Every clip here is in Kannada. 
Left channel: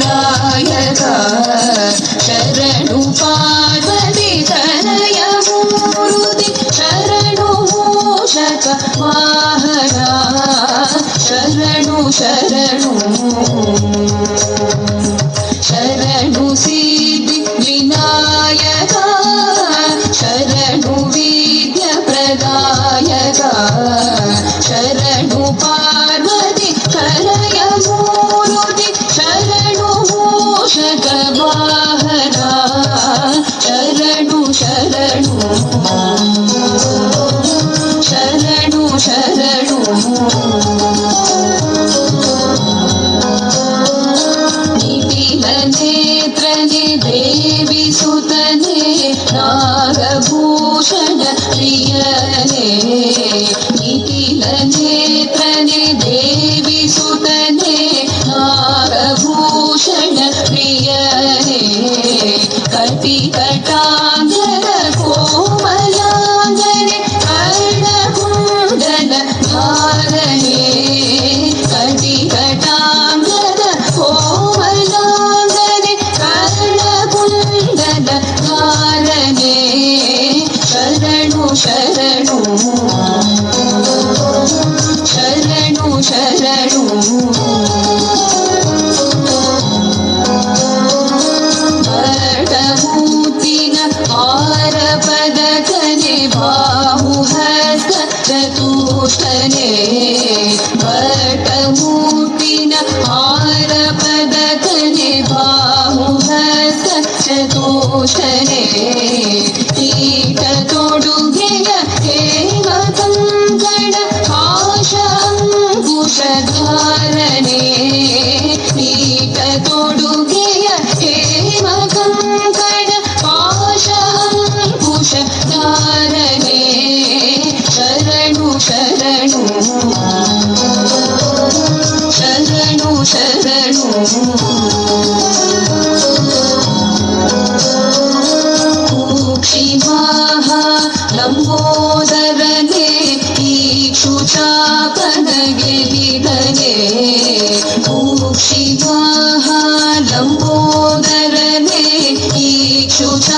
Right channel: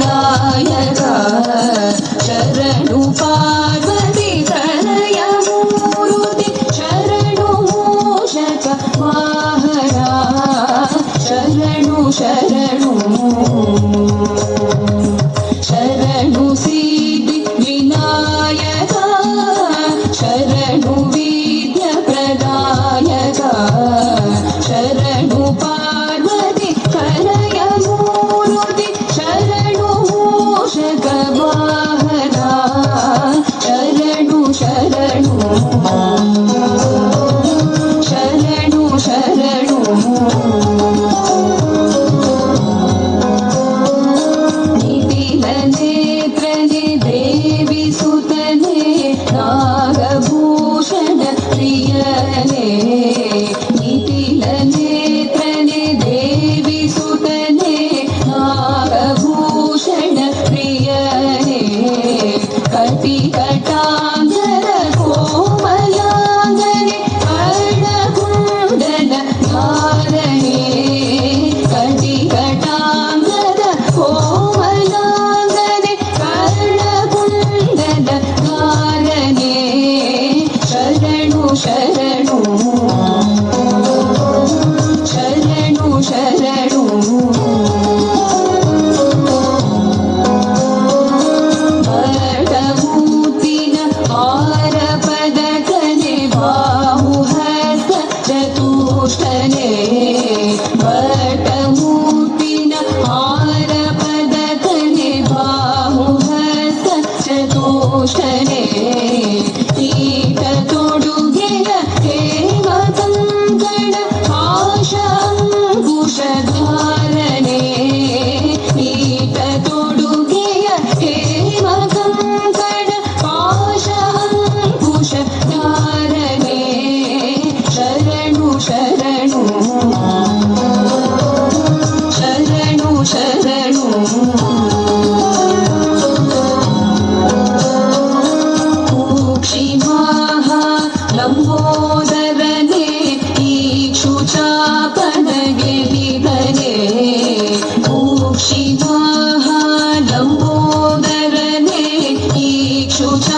ಪ್ರದಾಯಕ ಶರಣು ಪಾರ್ವತಿ ತನಯ ಮೂರುತಿ ಶರಣು ಮೂಷಕ ವಾಹನ ಶರಣು ಶರಣು ಶರಣು ಸಿದ್ಧಿ ವಿನಾಯಕ ಶರಣು ವಿದ್ಯ ಪ್ರದಾಯಕ ಶರಣು ಪಾರ್ವತಿ ಕಲಯ ಮೂರುತಿ ಶರಣು ಮೂಷಕ ವಾಹನ ಶರಣು ಶರಣು ಶರಣು ಶರಣು ನಿತಿಲ ನೇತ್ರನೆ ದೇವಿ ಸುತನೆ ನಾಗಭೂಷಣ ಪ್ರಿಯನೆ ನಿತಿಲ ನೇತ್ರನೆ ದೇವಿ ಸುತನೆ ನಾಗಭೂಷಣ ಪ್ರಿಯನೆ ಕಟಿ ಕಟಾಂಗರ ಕೋಮಲಾಂಗನೆ ಕರ್ಣಕುಂಡಲ ಧಾರನೆ ಕಟಿ ಕಟಾಂಗರ ಕೋಮಲಾಂಗನೆ ಕರ್ಣಕುಂಡಲ ಧಾರನೆ ಶರಣು ಶರಣು ಶರಣು ಶರಣು ಭರತಮೂರ್ತಿನ ಆರ ಪದಕನೆ ಬಾಹುಹಸ್ತ ಚತುಷ್ಟನೆ ಭರತಮೂರ್ತಿನ ಆರ ಪದಕನೆ ಬಾಹುಹಸ್ತ ಚತುಷ್ಟನೆ ಈಟ ತೊಡುಗೆಯ ಹೇಮ ಕಂಕಣ ಪಾಶ ಅಂಕುಶಧಾರನೆ ಈಟ ತೊಡುಗೆಯ ಹೇಮ ಕಂಕಣ ಪಾಶ ಅಂಕುಶಧಾರನೆ ಶರಣು ಶರಣು ಶರಣು ಶರಣು ಕೂಕ್ಷಿವಾಹ ಲಂಬೋದರನೆ ಈಕ್ಷುಚಾಪನಗೆಲಿದನೆ ಕೂಕ್ಷಿವಾಹ ಲಂಬೋದರನೆ ಈಕ್ಷುಚಾಪನಗೆಲಿದನೆ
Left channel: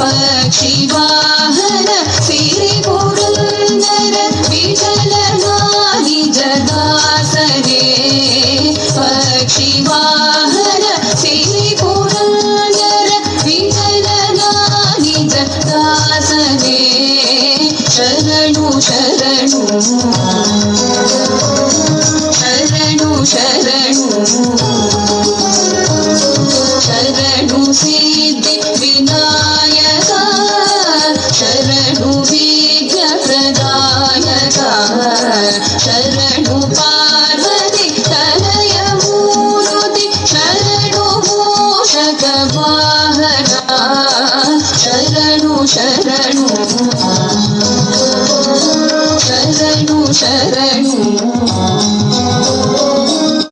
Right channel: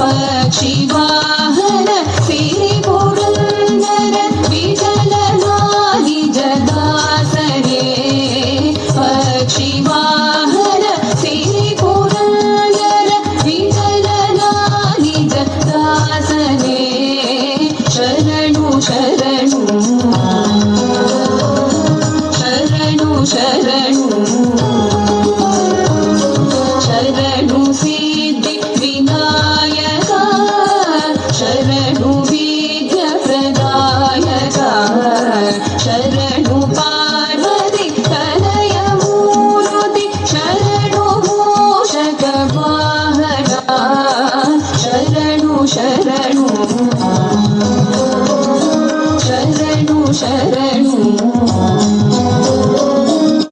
ಪಕ್ಷಿವಾಹನ ಸಿರಿ ಪುರಂದರ ವಿಠಲನ ನಿಜ ದಾಸರೇ ಪಕ್ಷಿವಾಹನ ಸಿರಿ ಪುರಂದರ ವಿಠಲನ ನಿಜ ದಾಸರೇ ಶರಣು ಶರಣು ಶರಣು ಶರಣು ಶರಣು ಸಿದ್ಧಿ ವಿನಾಯಕ ಶರಣು ವಿದ್ಯ ಪ್ರದಾಯಕ ಶರಣು ಪಾರ್ವತಿ ತನಯ ಮೂರುತಿ ಶರಣು ಮೂಷಕ ವಾಹನ ಶರಣು ಶರಣು